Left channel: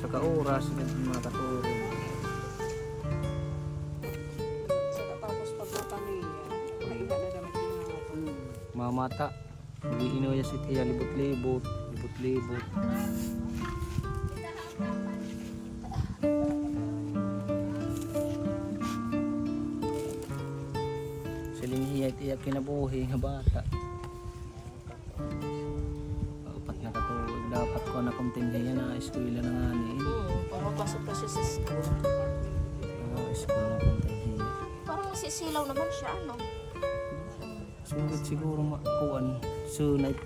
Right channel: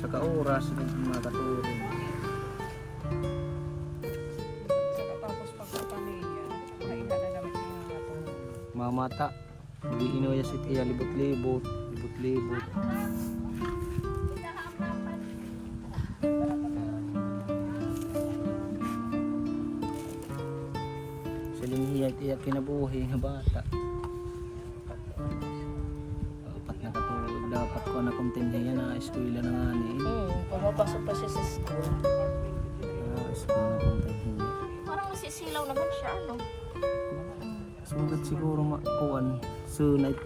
sa kaoras mga katulong. Tapos pagpapamilya, ay nadadamit yung mga katulong. Mamata, hindi inuya si Tia, libot-libot. Silinhiya Tia kinabuhi nga bata. Apat na katuig, dapat ko na kumtinhiya na eskwela na nga ni. Pumapasok pa siya sa school. Eskwela na kumtinhiya. Parang masisilaw naman siya, ano? Sunod siguro makuan. Sunod.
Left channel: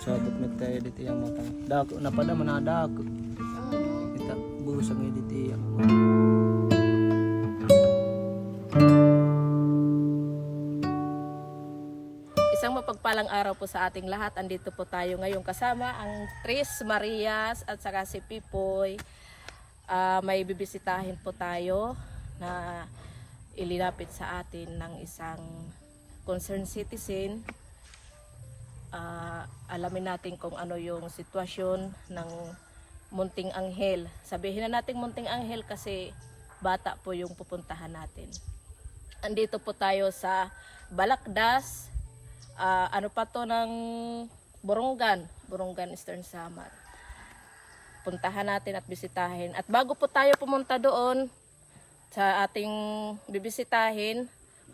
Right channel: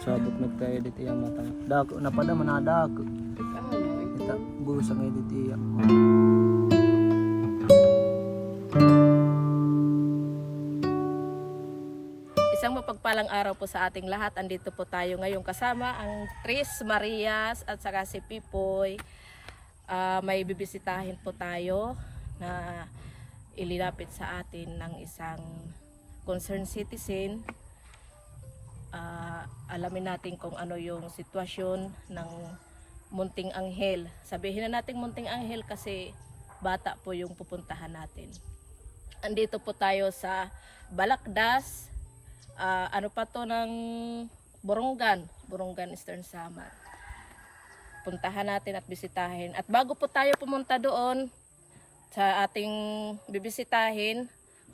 Sabot nagtayo dito yung matang. Dako na pada manadako. Kita busa may dito yung. Isang mapagpalang araw po sa ating lahat. Andito po tayo ngayon kasama ang Tris Marias at saka si Pipoy. May bibisitahin po tayo na ililapit sa atin ng isang concerned citizen. Alamin natin kung ano yung sitwasyon ng Munting Anghel. Sabihin na natin Munting Anghel kasi bata po yung pupuntahan natin. Andito po tayo sa Balakdas. Ano pa to ng Borongan Eastern Samar. Puntahan natin at bisitahin. At bago po tayo pumunta doon sa ating bibisitahin,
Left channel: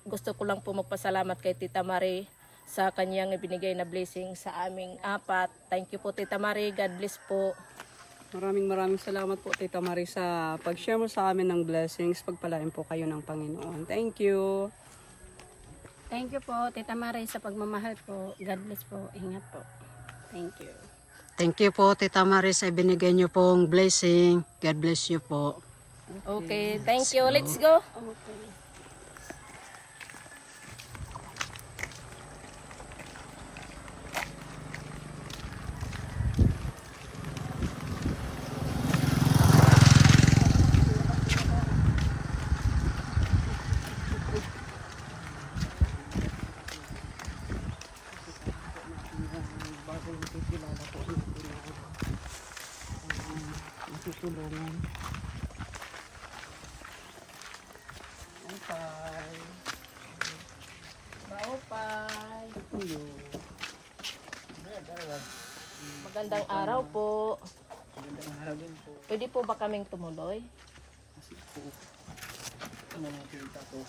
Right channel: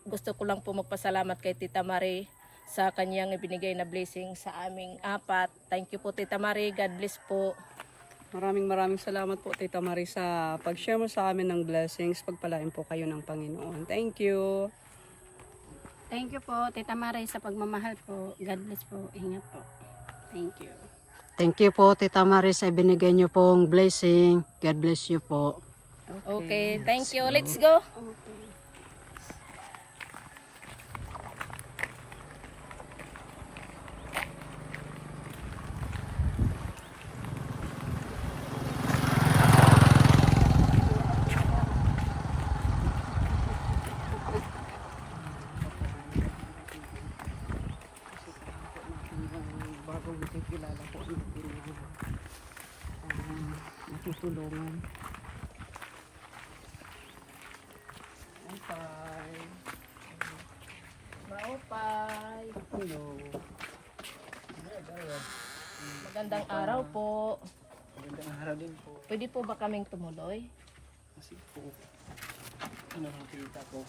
gusto ko lang po magpasalamat kay Tita Marie sa kanyang ibinigay na blessing sa aming apat. Thank you po Tita Marie. God bless po. Maraming salamat po Tita Marie sa pag-share mo sa amin ng blessings. Pagpalain po kayo ng Panginoon. Thank you. Thank you po, Tita Marie, sa pagmamahal po. God bless po. Ingat po. Thank you. Thank you po, Tita Marie, sa binigay niyo pong blessing. God bless you po. Okay, thank you. Let's go. Bagong nakikilala po natin matutulungan. Okay. Maupay. Hello. Magandang araw po. Magandang araw din po. Pwede po ba kaming tumuloy? Kasi po, ano nakita ko.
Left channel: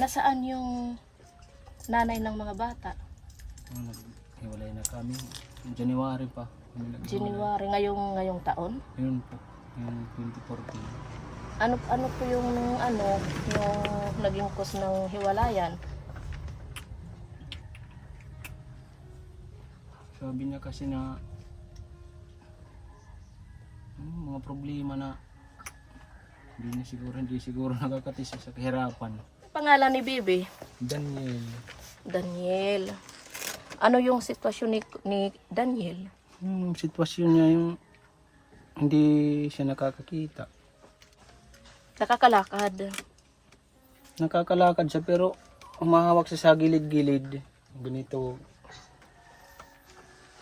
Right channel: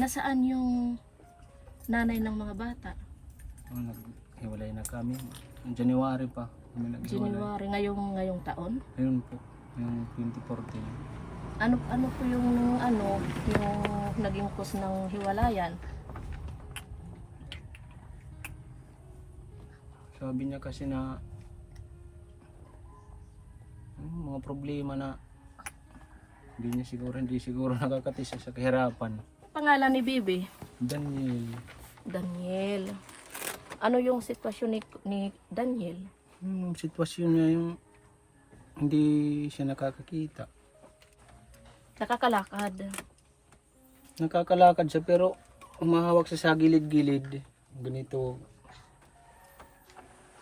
Nasaan yung nanay ng mga bata? Naghiwalay na kami. Yung January pa. Kami naghiwalay. January ngayong taon. Yun po, yung 2014. Ano po yung naging cause ng hiwalayan? Sabi niya kasi na mga problema na hindi siguro nakakatisa sa kahirapan. Pangalan ni Bibi? Daniel. Ano yung sitwasyon ni Daniel? Yung sitwasyon niya yung hindi siya nakakakita. Nakakalakad siya pero umahawak siya sa gilid-gilid. Ganito.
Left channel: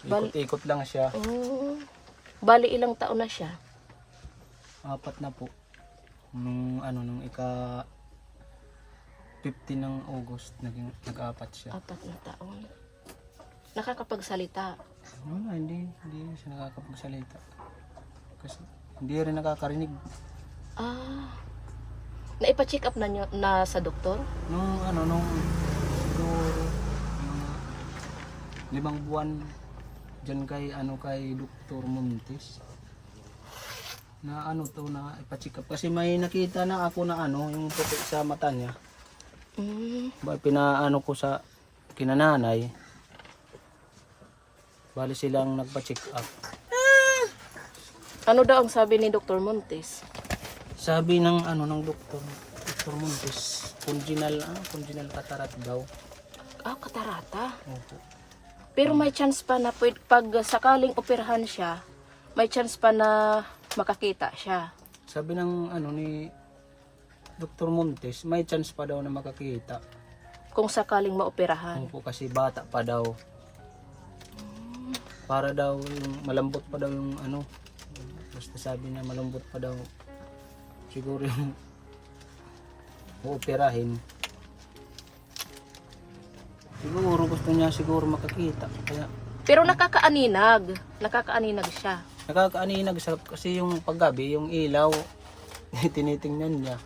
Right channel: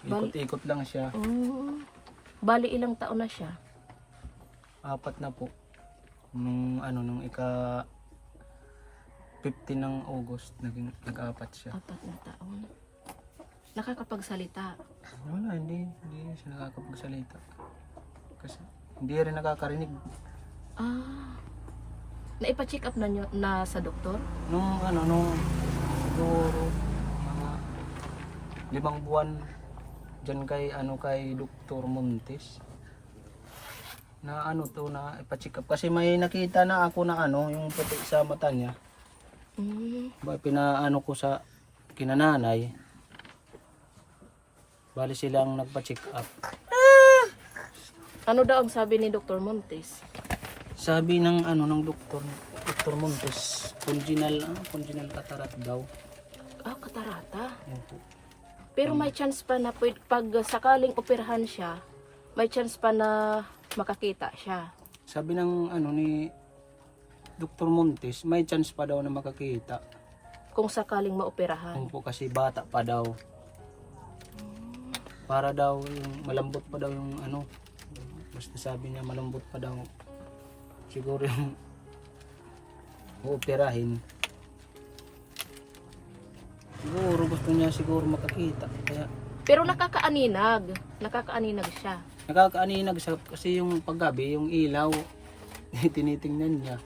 Ikot-ikot lang siya. Bali ilang taon na siya? 4 na po. Nung ika 15 ng August nag-apat siya. 4 na taon. Nakakapagsalita? Wala, hindi siya nakakapagsalita. Kasi hindi rin nakakarinig. Naipa-check up na sa doktor? Nung siguro 5 buwan diyan kay Dr. Montes. Na na ipa-check up kasi may nakita na ako na yung puti sa mata niya. Ba pinaano ko sa kinananay. Bali silang nagpa-check up. Ano daw ang sabi ni Dr. Montes? Sabi ng Dr. Montes, congenital cataract daw. Katarata? Opo. Pero may chance pa na pag sakaling operahan siya, may chance pa na makakita siya. Sabi ng ano ni Dr. Montes, may chance pa daw na makakita. Kung sakaling maoperahan. Kung po kasi bata pa daw. Para daw yung malambot pa daw yung ano. Basta sabi niya malambot pa daw. Siguro yung uoperahin. Siguro gusto niya siguro makakita. Kaya Pero nakakaaninag. Nakakaaninag siya. nakakaaninag sa kasi yung paggabi, yung ilaw tinitingnan niya.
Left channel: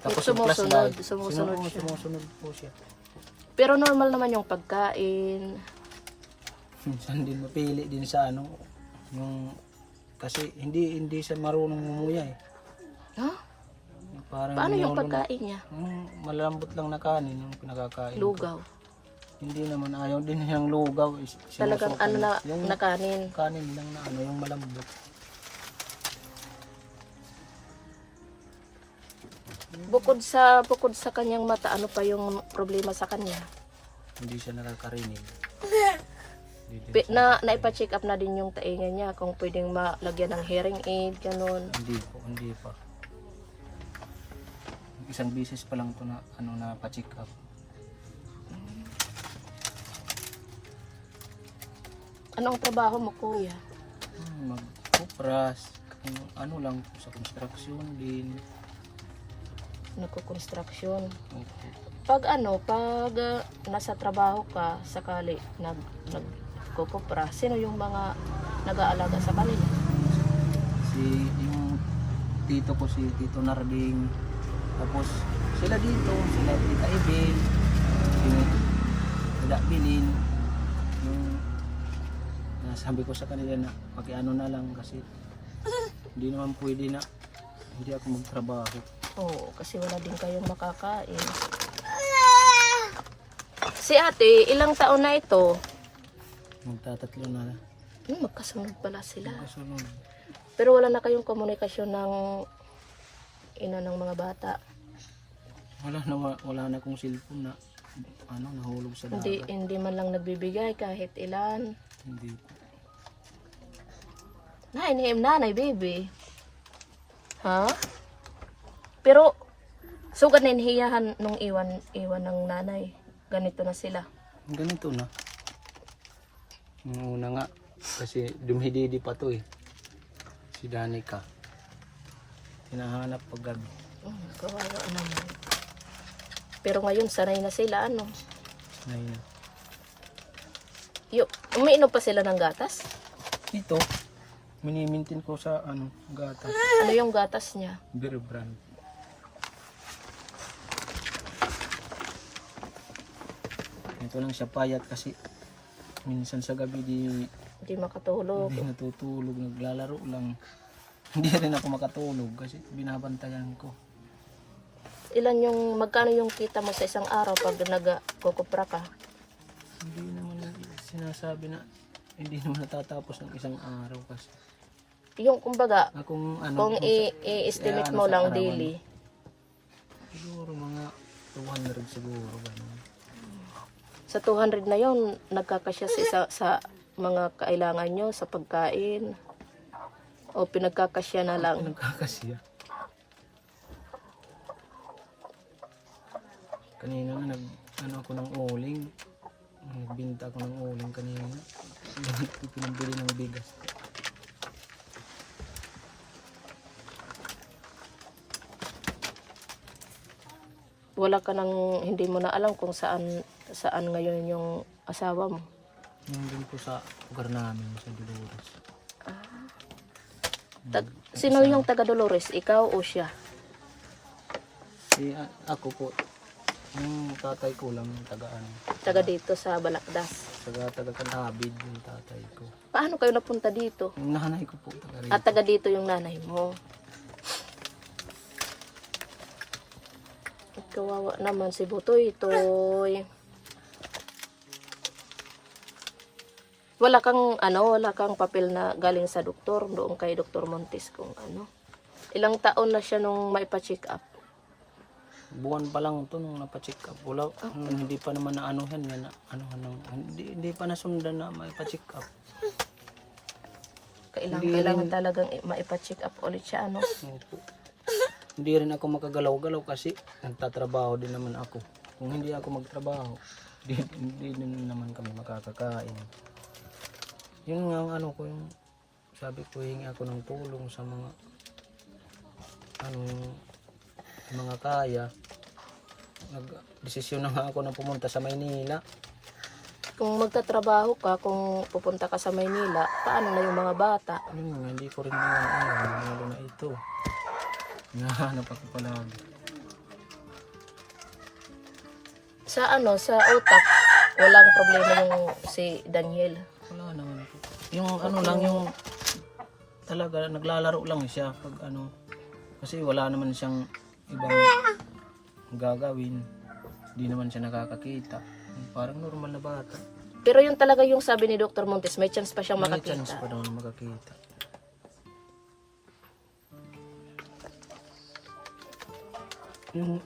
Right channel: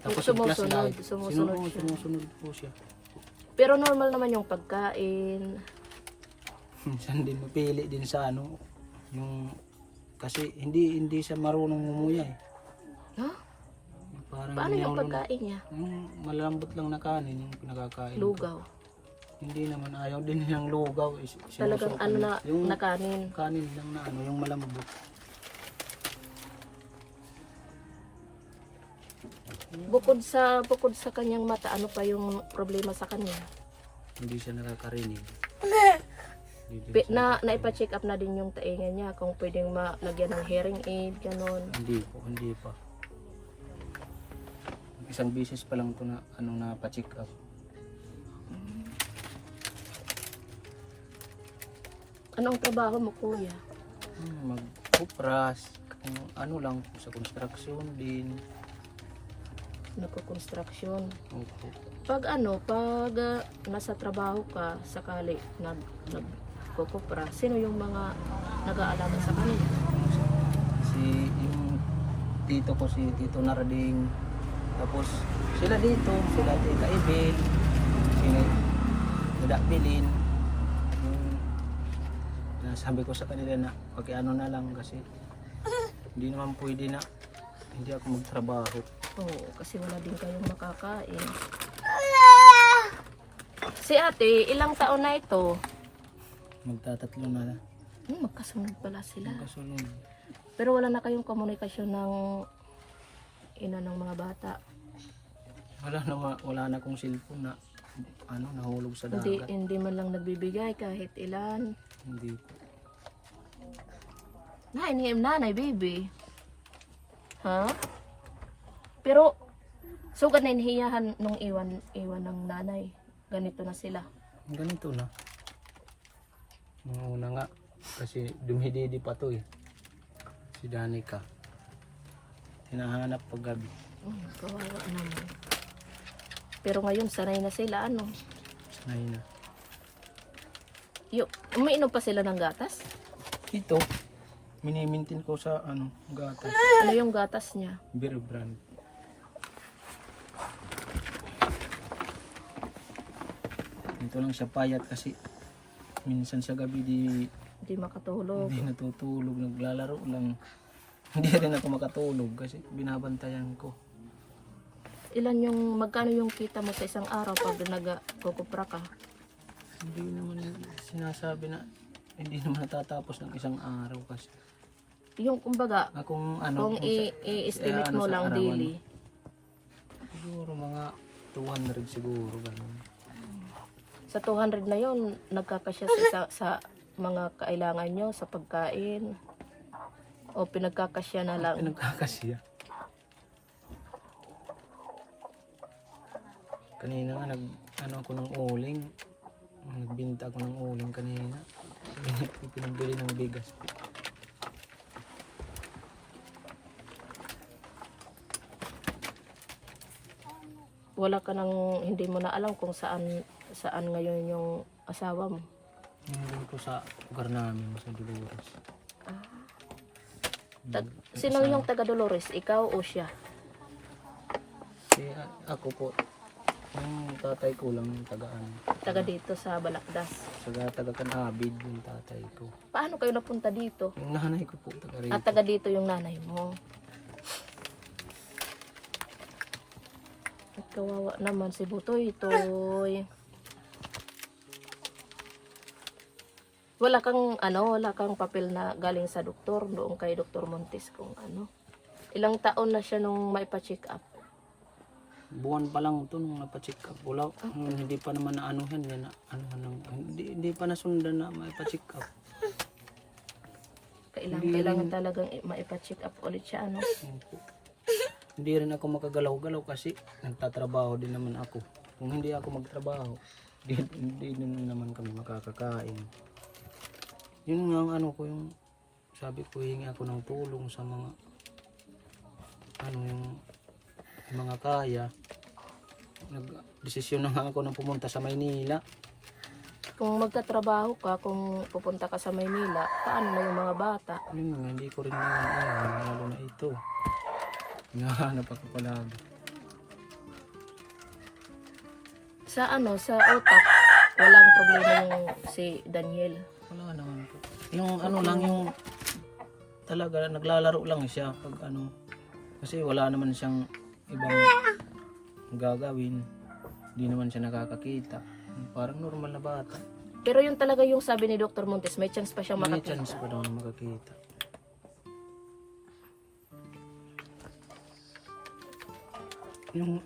Tapos yung Sumusunod, flashlight, sumusunod siya. sumusunod po siya. Pero normal naman yung pagkain. Minsan din mapili din sa ano, yung kasi hindi siya marunong mumuya eh. Ha? Parang Paano yung niyolo na- pagkain niya? malambot lang na kanin yung pinakakain ko. Lugaw. Hindi naman ayaw din niyang lugaw. Talagang ano na, yung na kanin. kanin lang na ano, yung malambot. Bukod sa kanyang mata, ano pa yung problema sa kanya? Hindi siya nakakarinig. Naipa-check up na din yung tainga niya kung pwedeng malagyan ng hearing aid, ganun. Hindi pa. Isang bisis pa lang to na ano na pa-check up. Anong trabaho mo, kuya? Magkupras, ano lang sa construction din. Nagko-construction. Opo. Pag nasa trabaho ka, sakali nagkukupra, sino yung mga nag-aalaga sa kanila? Si yung tito ko, si Tito Narding. Tapos sila dito, sila Tita Ibel, si Dada Bilin. Yung sabi ko sa kanila na pag-ano na lang kasi hindi naman pwede na hindi ako magtrabaho. Oo, kasi wala din kayong makakain. Si ate, ilang taon na ito? Magtatatlo na. Magkasunod pala sila. Kasunod. Pero wala na kayong komunikasyon ng ina ng mga bata. Wala na kong cellphone na ano nahulog sa dagat. Hindi man lang nagbibigay kahit ilan. Hindi po. Nanay, baby. Ha? Pero, so hiyahan nung iwan ng nanay. Ganito na sila. Ganito na. Nung una nga, kasi dumhididi pa to eh. Si Danica. Hinahanap pag gabi. Kawawa naman. Pero ngayon, sanay na sila, ano? Sanay na. Umiinom pa sila ng gatas? Ito, minimintin ko sa ano, gatas. Ano yung gatas niya? Beer brand. Ito lang siya payat kasi minsan sa gabi Hindi makatulog. hindi natutulog, naglalaro lang. Hindi rin ako makatulog kasi binabantayan ko. Magkano yung kita mo sa isang araw pag nagkukupra ka? Hindi naman sinasabi na hindi naman natatapos ng isang araw kasi. Yung kumbaga, Kung kung i-estimate mo lang daily, siguro mga 200 siguro ganun. sa 200 na yon nagkakasya sa mga kailangan nyo sa pagkain o pinagkakasya na lang. Pinagkakasya. Kanina nga ako ng uling. Nagbinta ako ng uling kanina. Pinabili ng bigas. Wala ka nang, hindi mo na alam kung saan ngayon yung asawa mo. Nandun po sa lugar namin sa Dolores. Sino yung taga Dolores? Ikaw o siya? Ako po. Yung tatay ko lang tagaan. Taga dito sa Balakdas. Taga Kanhabid yung tatay ko. Paano kayo napunta dito? Yung nanay ko po taga rito. At taga dito yung nanay mo. At kawawa naman si Butoy. Wala kang papel na galing sa doktor, doon kay Dr. Montes kung ano. Ilang taon na siya nung maipa-check up? Buwan pa lang ito nung napacheck up. Wala, hindi pa naman naanuhan yan. Hindi pa nasundan na maipa-check up. kailangan talagang maipa-check up ulit siya, ano? Opo. Hindi rin ako makagalaw-galaw kasi nagtatrabaho din naman ako. Kung hindi ako magtrabaho, hindi din naman kami makakakain. Yun nga ang ano ko, yung sabi ko, hingi ako ng tulong sa mga yung mga kaya. Nag-desisyon na nga ako na pumunta sa Maynila. Kung magtatrabaho ka, kung pupunta ka sa Maynila, paano na yung mga bata? Yun nga, hindi ko rin naman lalo na ito. Hinahanap ako palagi. Sa sa utak, walang problema yung si Daniel. Wala naman po. Yung ano lang, yung talaga naglalaro lang siya pag kasi wala naman siyang ibang gagawin. Hindi naman siya nakakakita. Parang normal na bata. Pero yung talaga yung sabi ni Dr. Montes, may chance pa siyang May makakita. chance pa daw na makakita. Yung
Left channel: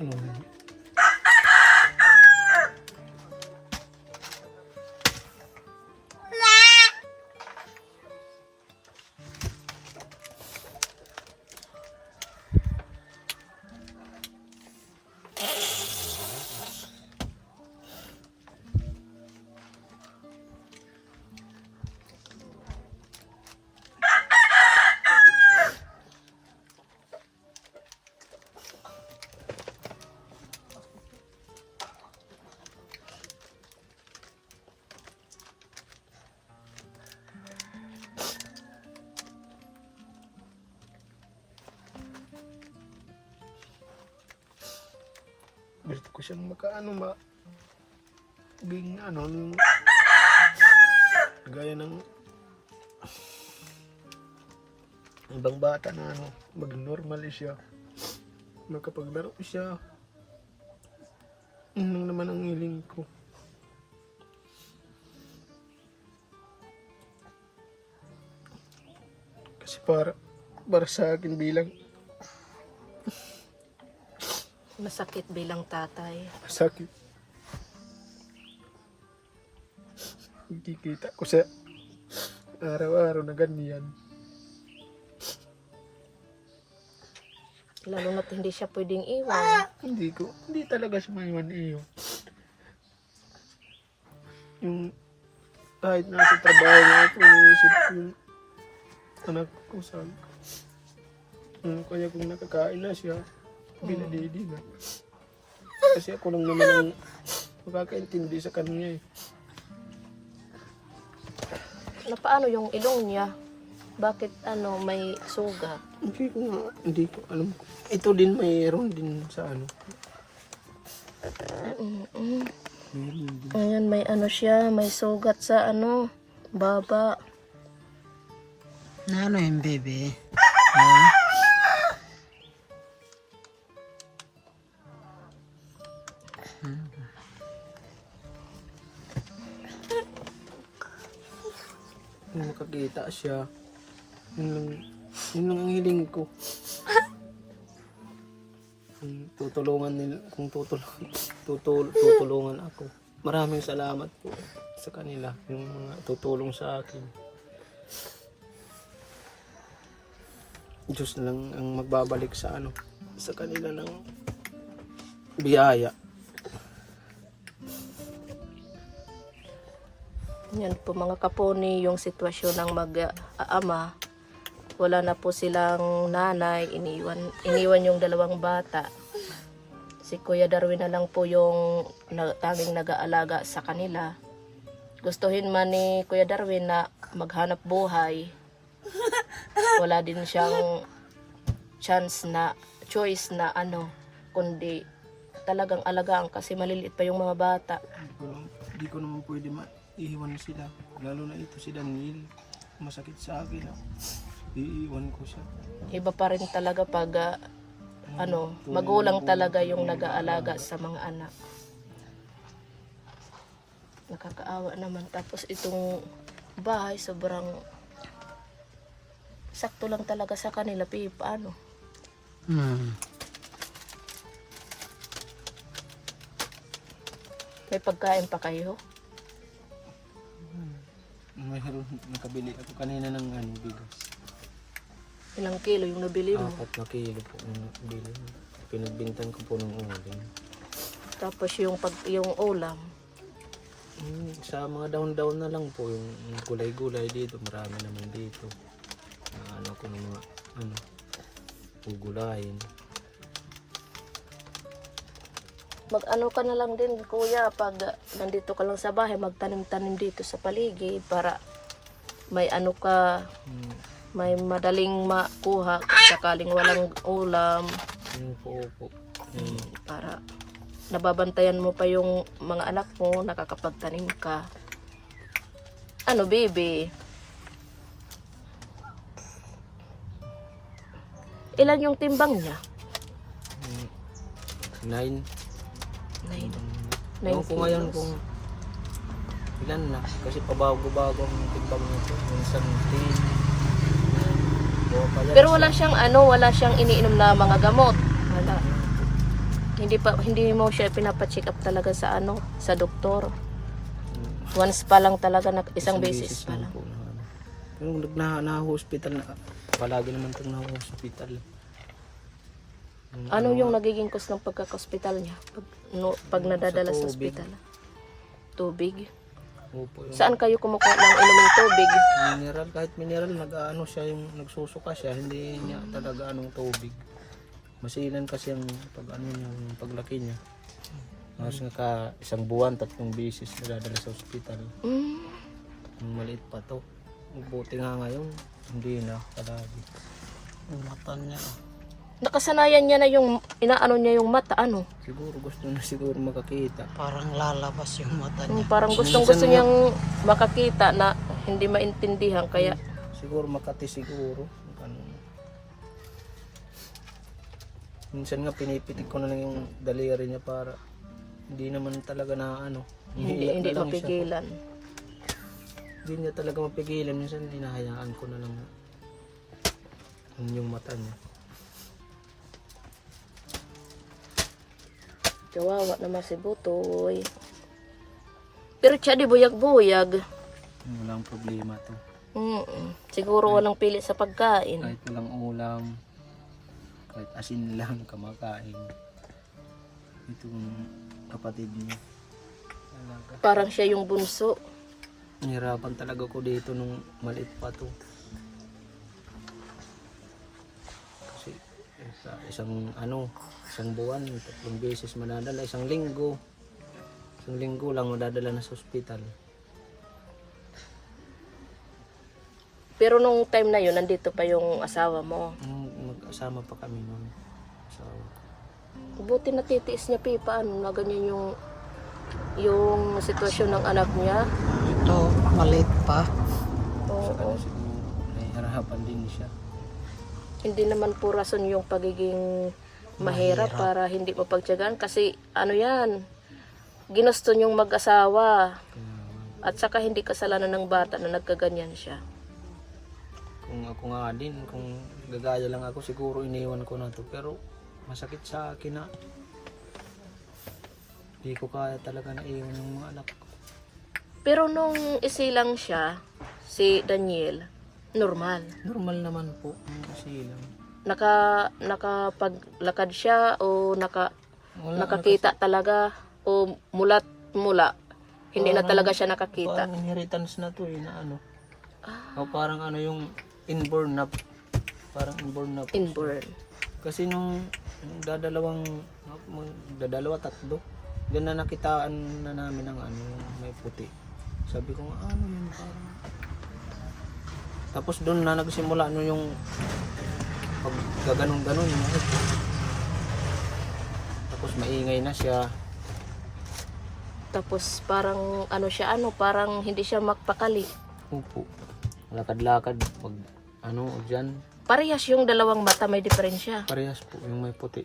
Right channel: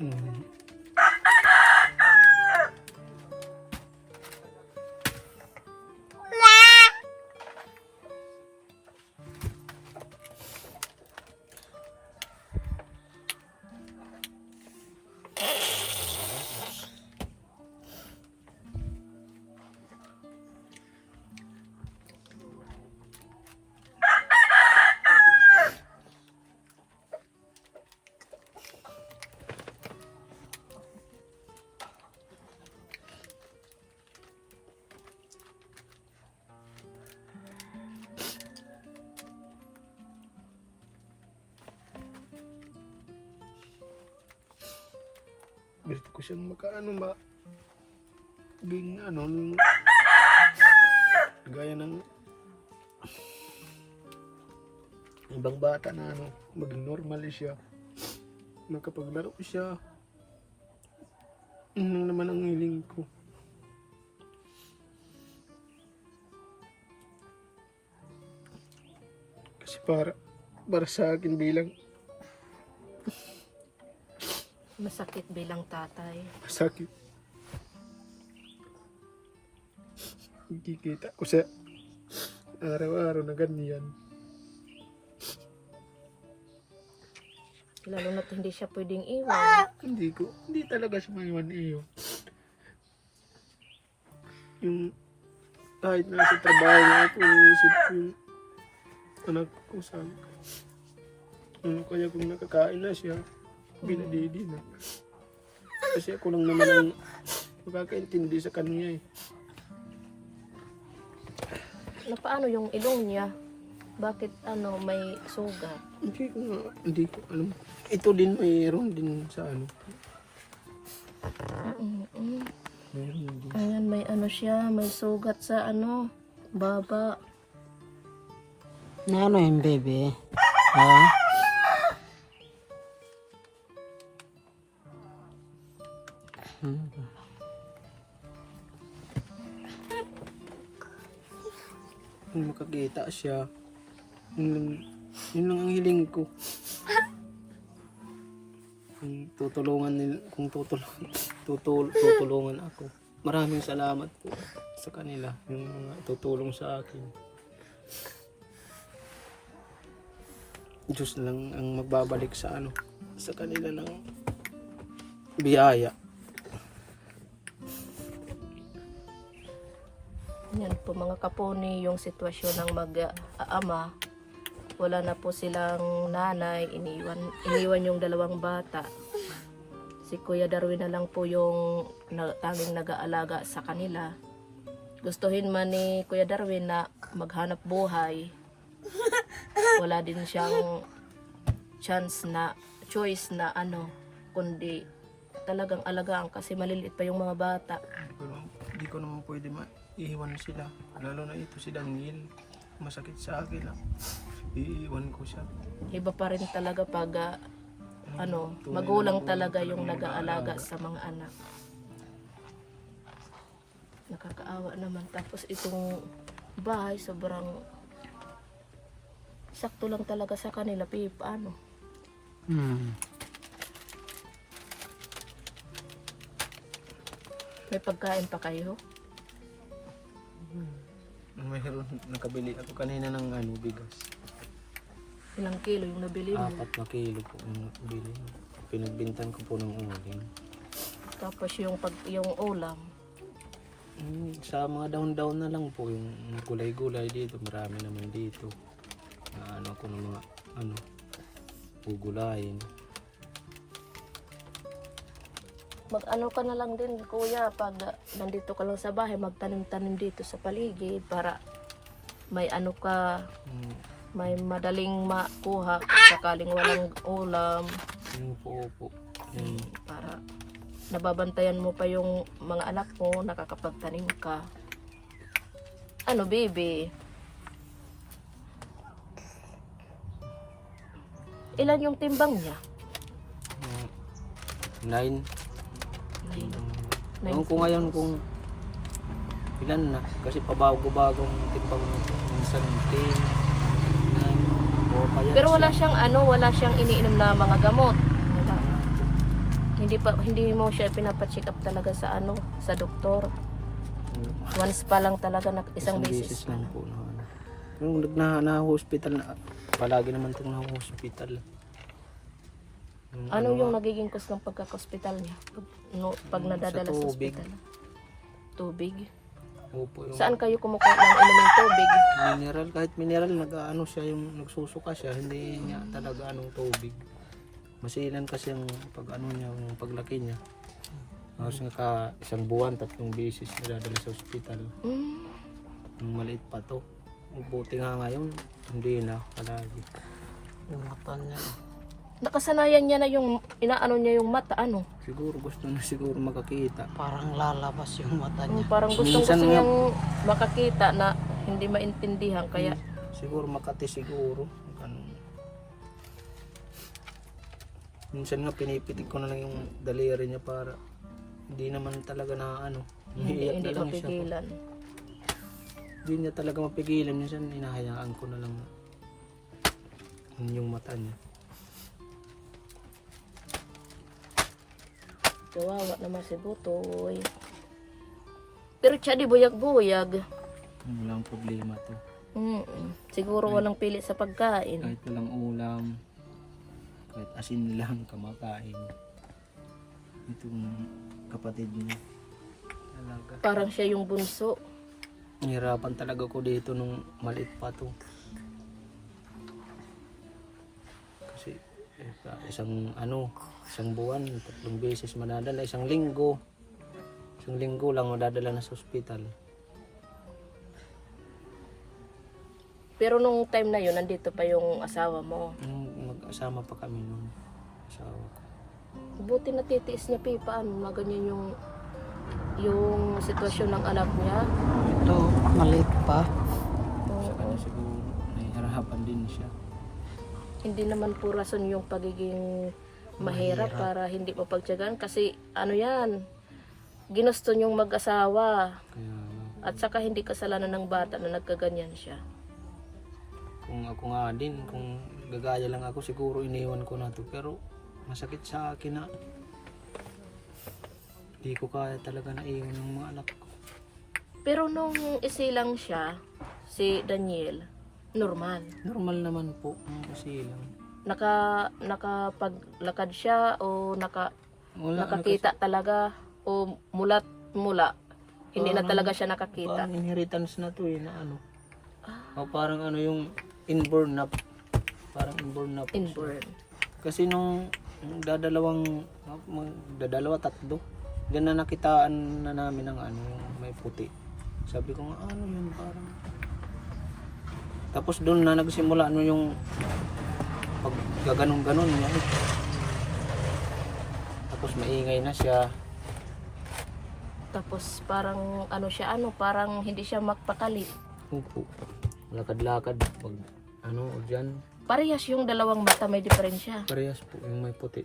gusto ko siyang maging gaya ng ibang bata na maging normal siya, makapaglaro siya. Yun lang naman ang hiling ko. Kasi para sa akin bilang Masakit bilang tatay. masakit. Nakikita ko sa araw-araw na ganyan. Lalo na't hindi siya pwedeng iwan. Hindi talaga siya maiwan iyo. Yung kahit nasa trabaho na ako, iniisip ko yung anak ko saan. Kaya kung nakakain na siya, binadidi na. Kasi ako lang naman ang makakaintindi sa kanya eh. Na paano yung ilong niya? Bakit may sugat? Hindi ko alam. Ito din mayroon din sa Meron din. Ayan, may siya, may sugat sa baba. Na ano yung baby? Ha? Kung makakita siya, yun lang ang hiling ko. Kung tutulungan ako. Maraming salamat po sa kanila, yung mga tutulong sa akin. Diyos lang ang magbabalik sa sa kanila ng biyaya. Yan po mga kaponi, yung sitwasyon ng mag-ama. Wala na po silang nanay, iniwan yung dalawang bata. Si Kuya Darwin na lang po yung tanging nag-aalaga sa kanila. Gustuhin man ni Kuya Darwin na maghanap buhay, wala din siyang choice na kundi talagang alagaan kasi maliliit pa yung mga bata. Hindi ko naman pwede iiwan sila. Lalo na ito si Daniel. Masakit sa akin. Iiwan ko siya. Iba pa rin talaga pag magulang talaga yung nag-aalaga sa mga anak. Nakakaawa naman. Tapos itong bahay sobrang sakto lang talaga sa kanila. Paano? May pagkain pa kayo? Mayroon nakabili ako kanina ng bigas. Ilang kilo yung nabili mo? 4 na kilo po yung bili. Pinagbintan ko po ng uling. Tapos yung ulam. Sa mga daon-daon na lang po, yung gulay-gulay dito, marami naman dito. Na ano ko ng mga gugulayin. Mag-ano ka na lang din, kuya, pag nandito ka lang sa bahay, magtanim-tanim dito sa paligid para may ano ka, may madaling makuha sakaling walang ulam. Yung po. Para nababantayan mo pa yung mga anak mo, nakakapagtanim ka. Ano, baby? Ilan yung timbang niya? 9. Ewan ko ngayon kung ilan na. Kasi pabago-bago ang timbang nito. Minsan 10, 9, o kaya Pero wala siyang iniinom na mga gamot. Wala. Hindi mo siya pinapacheck up talaga sa doktor. Once pa lang talaga, isang beses pa lang. po na ano. Yung na-hospital na, palagi naman itong na-hospital. Ano yung nagiging cause ng pagkaka-hospital niya? Pag nadadala sa tubig. hospital? Tubig? Opo, yung Saan kayo kumukuha ng inuming tubig? mineral, kahit mineral, nagsusuka siya, hindi niya talaga anong tubig. Masilan kasi ang yung paglaki niya. Tapos nga isang buwan, 3 beses nadadala sa ospital. Yung maliit pa to. Buti nga ngayon, hindi na palagi. Yung mata niya. Nakasanayan niya na yung inaano niya yung mata, ano? Siguro gusto na makakita. Parang lalabas yung mata niya. Parang Minsan gusto nga- niyang makakita na hindi maintindihan kaya Siguro Makati siguro. Ganun. Minsan nga pinipitik ko na lang yung daliri niya para hindi naman talaga na Iiyak hindi na lang siya. mapigilan. Hindi niya talaga mapigilan. Minsan hinahayaan ko na lang yung mata niya. Kawawa naman si Butoy. Pero siya di buyag-buyag. Walang problema to. Siguro walang pili sa pagkain. Kahit walang ulam, kahit asin lang kamakain. Itong kapatid niya. Talaga. Parang siya yung bunso. Nahirapan talaga ko dito nung maliit pa to. Kasi isang buwan, 3 beses madadala, isang linggo lang madadala na sa ospital. Pero nung time na yun, nandito pa yung asawa mo. Mag-asama pa kami nung asawa ko. Buti natitiis niya, Pipa, na ganyan yung sitwasyon ng anak niya. Ito, maliit pa. Kaya siguro nahihirapan din siya. Hindi naman po rason yung pagiging mahirap para hindi mo pagtiyagaan. Kasi yan, ginusto niyong mag-asawa. Kaya At saka hindi kasalanan ng bata na nagkaganyan siya. kung ako nga din, kung gagaya lang ako, siguro iniwan ko na to. Pero masakit sa akin na di ko kaya talaga na iwan ng mga anak ko. Pero nung isilang siya, si Daniel, normal. Normal naman po ang kasilang. Nakapaglakad siya o Wala, nakakita talaga o mula hindi na talaga siya nakakita. Parang inheritance na to na O parang yung inborn na. Parang inborn na po siya. Inborn. Kasi nung dadalawa, 3, diyan na nakitaan na namin ng yung may puti. Sabi ko nga, yun parang. Tapos doon na nagsimula yung paggaganon-ganon niya. Tapos maingay na siya. Tapos parang parang hindi siya magpakali. Upo. Lakad-lakad pag dyan. Parehas yung dalawang mata, may diferensya. Parehas po yung may puti.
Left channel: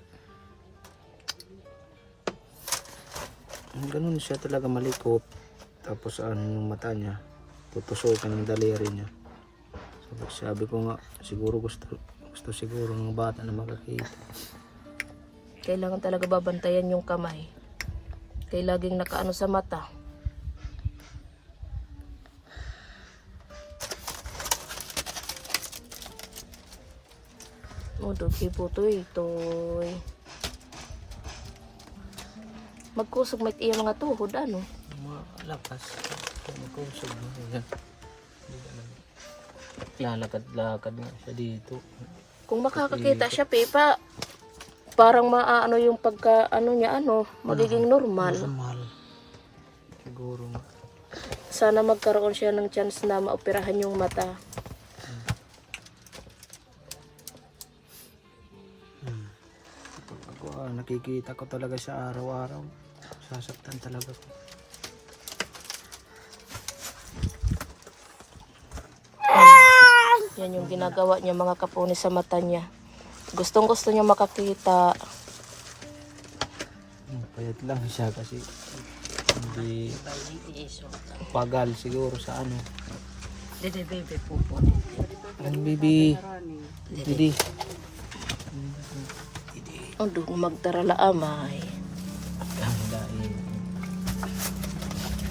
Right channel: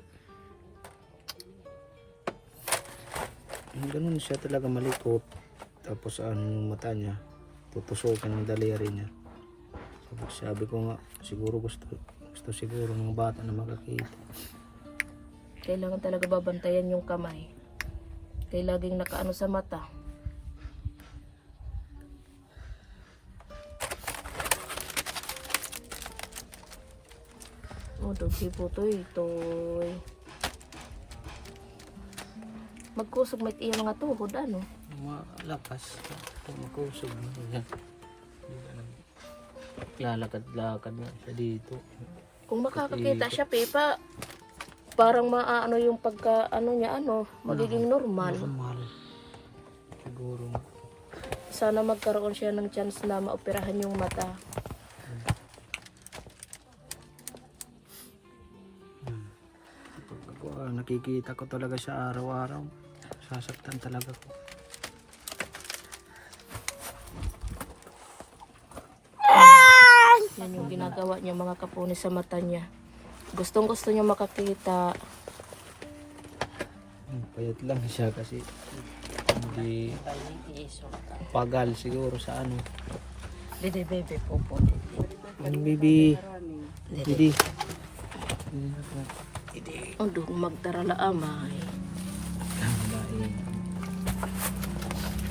Ganun siya talaga malikot. Tapos yung mata niya, tutusokan ng daliri niya. Sabi ko nga, siguro gusto siguro ng bata na makakita. Kailangan talaga babantayan yung kamay. Kaya laging nakaano sa mata. Dugi po ito. Magkusog may iya mga tuhod, ano? Malakas. Kung makusog na yan. Lalakad-lakad nga siya dito. Kung makakakita siya, Pepa, parang maano yung pagka, ano niya, magiging normal. Normal. Siguro nga. Sana magkaroon siya ng chance na maoperahan yung mata. Ako, nakikita ko talaga siya araw-araw. Sasaktan talaga ko. Yan yung ginagawa niya mga kapuni sa mata niya. Gustong gusto niya makakita. Payat lang siya kasi hindi pagal siguro sa ano. Dede bebe po po. Ang bibi. Didi. Ando, magdarala amay.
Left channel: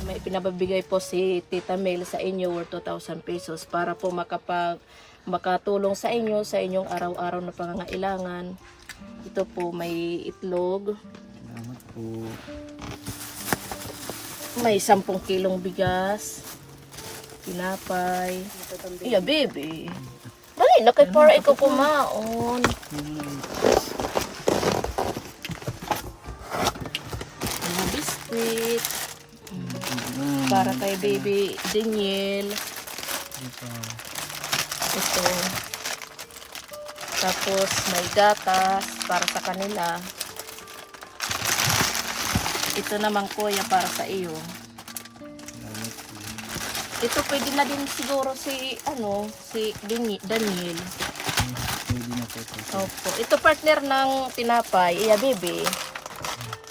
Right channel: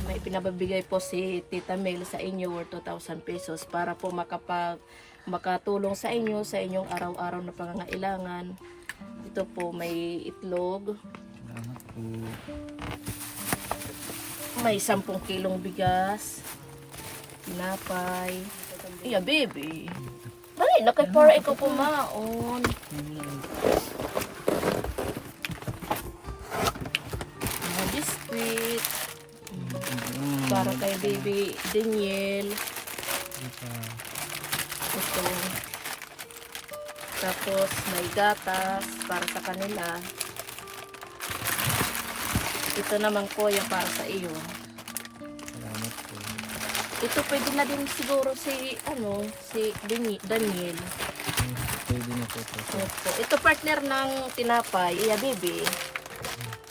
May pinababigay po si Tita Mel sa inyo worth 2,000 pesos para po makatulong sa inyong araw-araw na pangangailangan. Ito po may itlog, Salamat po. may 10 kilong bigas, tinapay. Iya, baby. Dali na kay para ikaw kumaon. Mga biskuit. Para kay baby Daniel. Ito. Tapos may gatas para sa kanila. Ito naman kuya para sa iyo. Salamat po. Ito pwede na din siguro si Daniel. Pwede na po ito. Opo. Ito partner ng tinapay. Iya baby.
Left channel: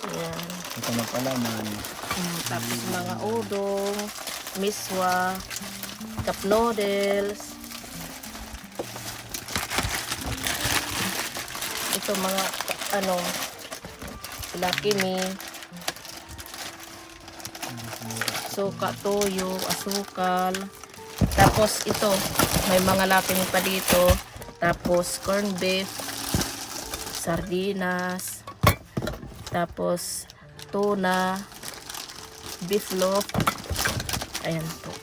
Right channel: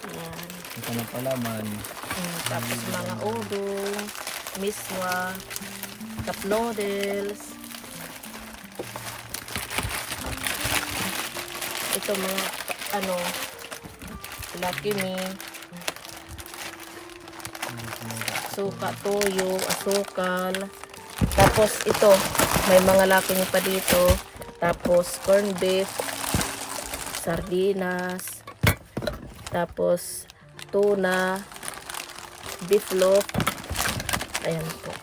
Ayan. Ito na palaman. Tapos mga udong, miswa, cup noodles. Ito mga Lucky Me, suka, toyo, asukal. Tapos ito, may mga Lucky Me pa dito. Tapos corned beef, sardinas, tapos tuna, beef loaf, ayan po,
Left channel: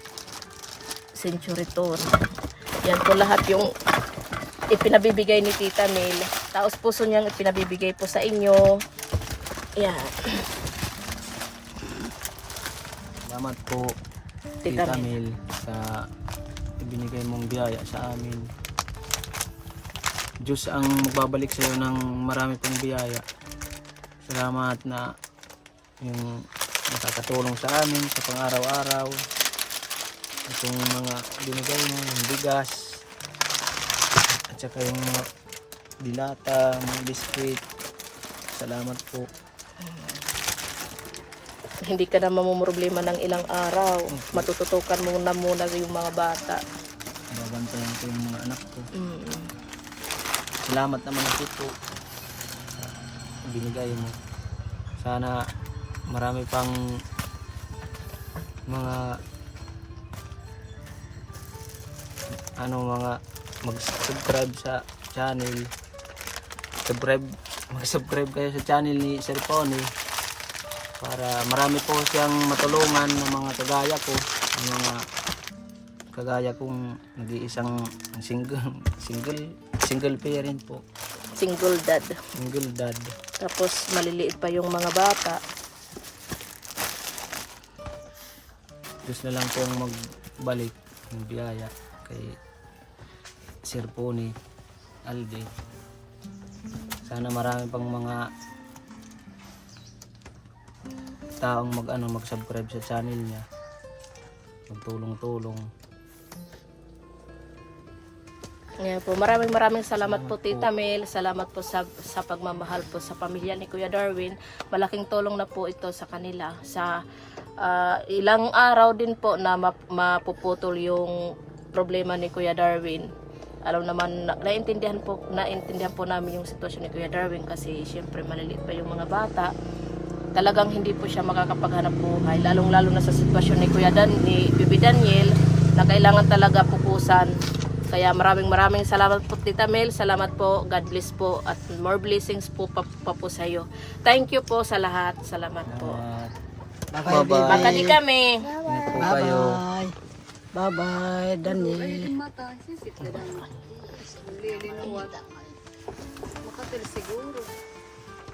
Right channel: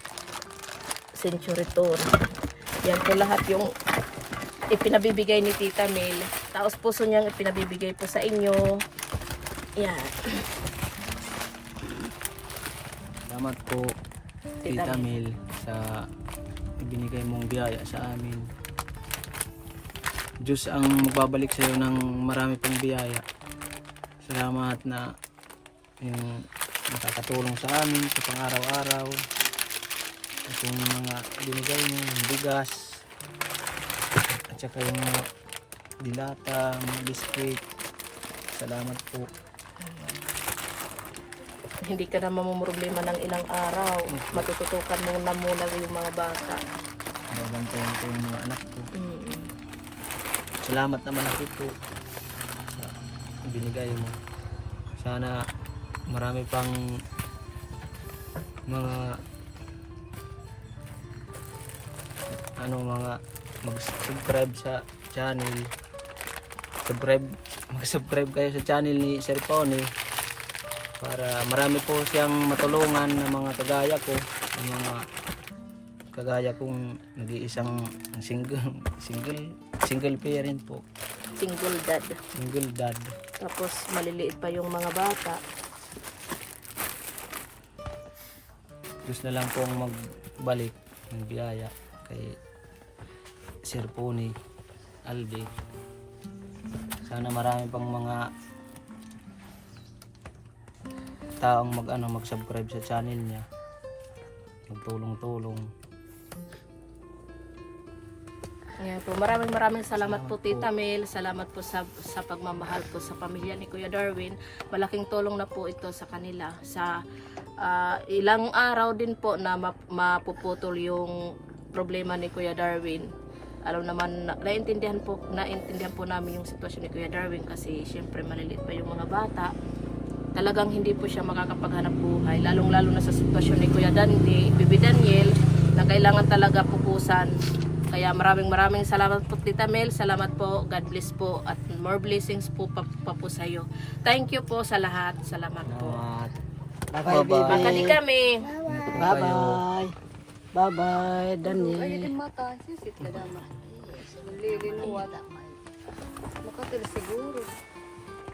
century tuna. Yan po lahat yung ipinabibigay ni Tita Mel. Taos puso niyang ipinabibigay po sa inyo. Yan. Salamat po, Tita Mel, sa ibinigay mong biyaya sa amin. Diyos ang magbabalik sa iyo ng marami pang biyaya. Salamat na yung nakakatulong sa amin sa pang-araw-araw. Itong mga binigay mo, yung bigas, at saka yung mga dilata, mga biskuit. Salamat po. Hindi ka na mamumroblema ng ilang araw. Matututukan mo na muna yung mga bata. Babantayan ko yung mga anak ko. Salamat naman ako po sa binigay mo. Sana marami pang mga mag-subscribe sa channel. Mag-subscribe kayo sa channel ni Sir Pony para marami po siyang matulungan ng mga kagaya ko, ang mga kagaya kong nag-iisang single parent po. Single dad. Single dad. Tapos maliliit pa yung mga bata. Gusto na lang pong magbalik ng biyaya kay Sir Pony Alde. Sana marami pang mga taong mag-subscribe sa channel niya. Magtulong-tulong. Ngayon po, maraming salamat po Tita Mel. Salamat po sa pagmamahal po sa pamilya ni Kuya Darwin. Malaking tulong na po ito sa kanila. Sa ilang araw din po na mapuputol yung problema ni Kuya Darwin. Alam naman, naintindihan po namin yung sitwasyon ni Kuya Darwin kasi syempre maliliit pa yung mga bata. Talagang hindi po siya makakapaghanap buhay. Lalong-lalo na sa sitwasyon ni Kuya Bibi Daniel na kailangan talaga pupusan Kaya maraming salamat po Tita Mel. Salamat po. God bless po. At more blessings po pa po sa iyo. Thank you po sa lahat. Salamat po. Bye-bye, baby. Makani kami. Bye-bye. Bye-bye, Daniel.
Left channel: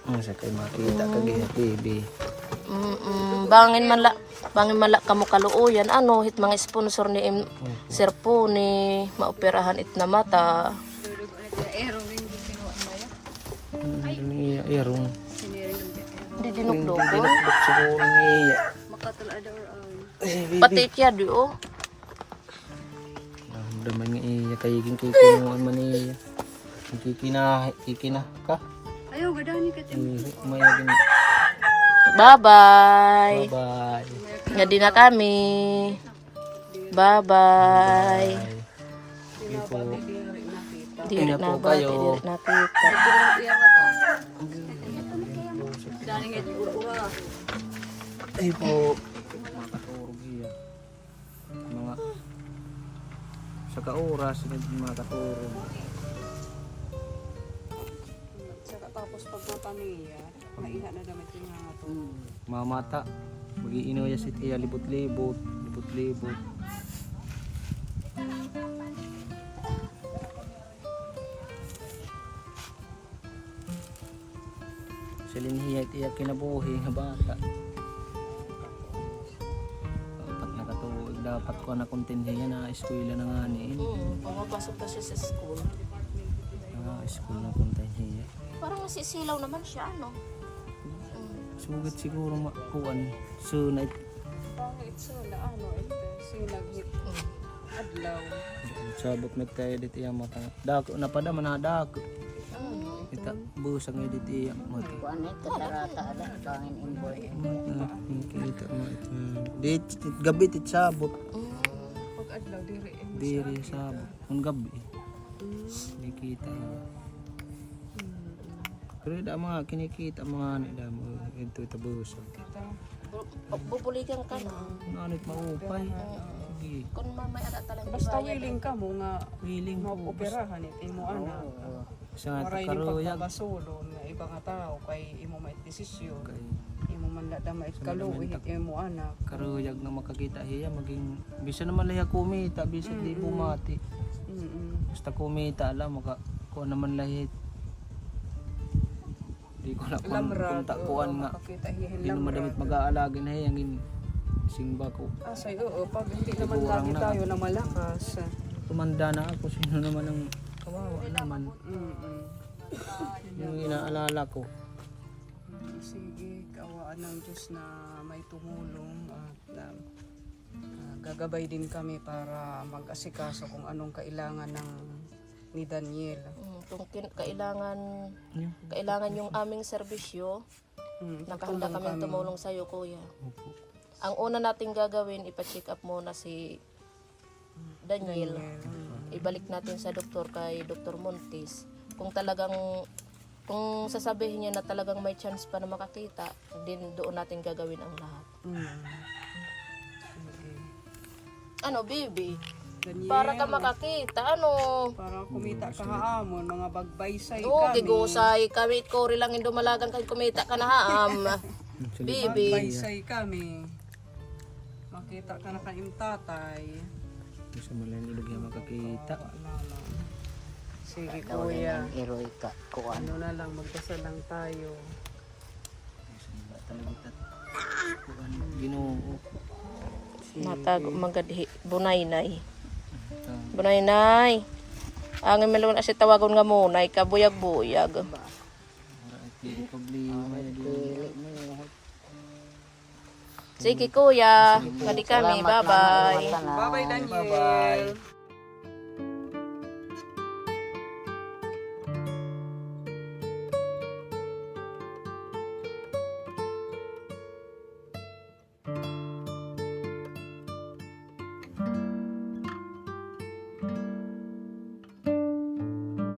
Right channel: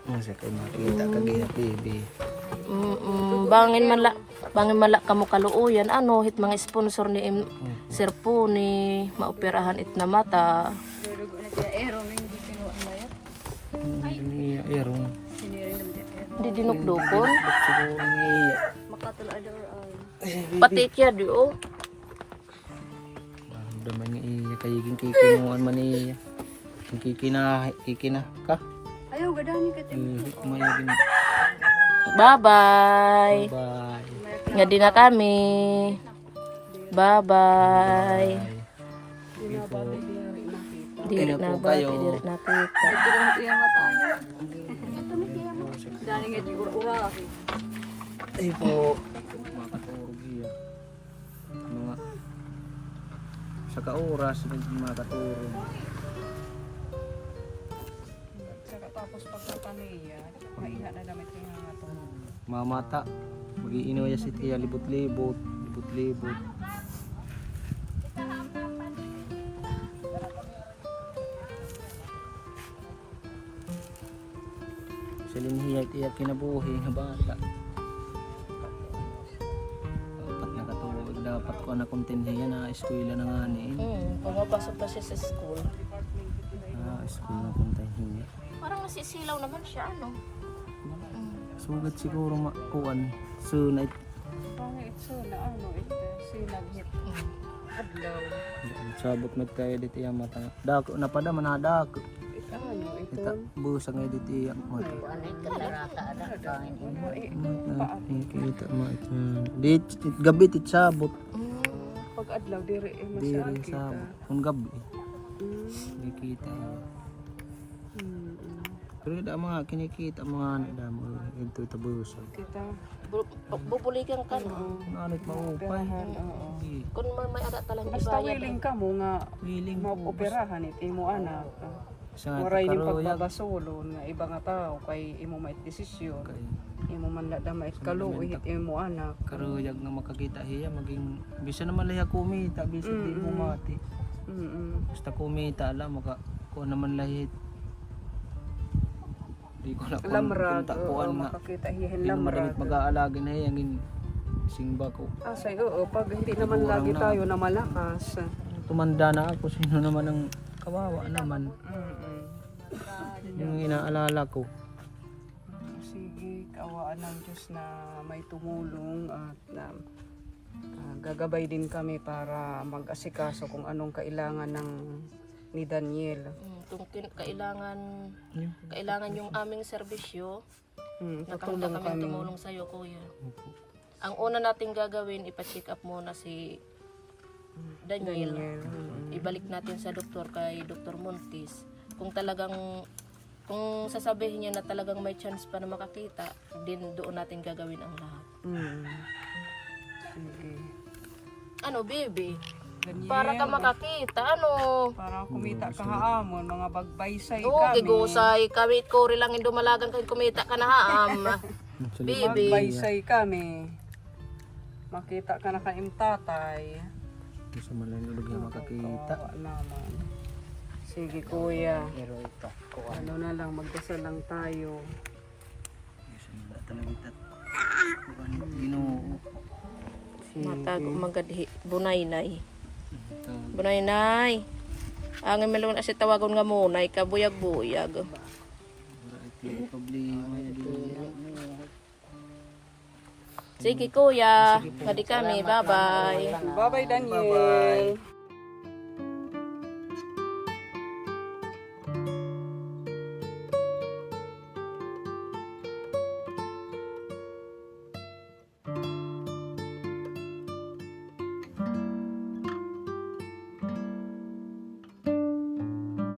Sa kay makita kag TV. Bangin man la kamo kaluoyan ano hit mga sponsor ni Sir po ni maoperahan it na mata. Erong. Hindi dinukdukon. Siguro ni Pati kya di oh. Daman ni iya kay ging kinuan man iya. Kikina ka. Ayaw, gadani ka. Maya din. Bye-bye. Bye. Nga din na kami. Bye-bye. Diri na ba? Diri nakita. Ay po. Makaturog iya. Mga sa kaoras makaturog. Mamata. Mag-iino ya si Tia libot-libot. Libot-libot. Sa linhiyay tiya kinabuhi nga bata. Dapat nakatuwag. Dapat ko na kontinhiya na eskwela na nga niin. Pumapasok pa siya sa school. School na kontinhiya. Parang nasisilaw naman siya ano. Sugat siguro makuan. Sunay. Sabot magtayo dito yung matang. Dako na pada manadako. Kita busang nga dito yung mata. Kita mo ito. Dito gabi tit sabot. Pag adlaw diri Diri sabot. Kung gabi. Hindi kita yun. Pero da mga kinikita mga nila mo ito busang. kita. Bubuligan ka na. Ano maupay. Sige. Kung may ada talang Basta ibayad. willing ka mo nga Willing po. maoperahan iti mo anak. Sa nga Maray ning karuyag. pagbabasulon nga iba nga tao kay imo mait desisyon. Kay Imo man la mait kaluoy iti mo anak. karuyag nga makakita hiya maging bisa naman lahi kumita bisa di bumati. Basta kumita alam maka kuan naman lahi. Di ko na kunta kuan nga. Makakita hihin Di na madamit mag-aalagi na hiya ngin singba ko. Asay oo pag hindi naman Sigurang lagi na. tayo na malakas. Tumanda na ako sino naman ang kawawa naman. Yung inaalala ko. Sige, kaawaan ng Diyos na may tumulong at gagabay din kami para mag-asikaso kung anong kailangan ni Daniel. Kung kailangan yung aming serbisyo, nakahanda kami tumulong sa iyo, kuya. Ang una nating gagawin, ipa-check up muna si Daniel. Ibalik natin sa doktor kay Dr. Montis. Kung sasabihin niya na talagang may chance pa na makakita, din doon natin gagawin ang lahat. Sige. Ano, baby? Daniel, Para ka makakita, ano? para kumita ka haamon, mga bagbaysay Oo, kami. gigusay. Kami, kori lang yung dumalagan kay kumita ka na haam. Baby. Bagbaysay kami. Makita ka na kaim tatay. Bisa man lang ilog yung makakita. Sige kuya. Ano na lang, magdasal lang tayo. Talagitat. Ginoo. Matag magadhi bunay-nay. Bunay-nay. Ang melon asi tawagon nga munay kabuyag-buyag. Sige kuya, kadi kami. Bye-bye. Bye-bye Daniel. Bye-bye.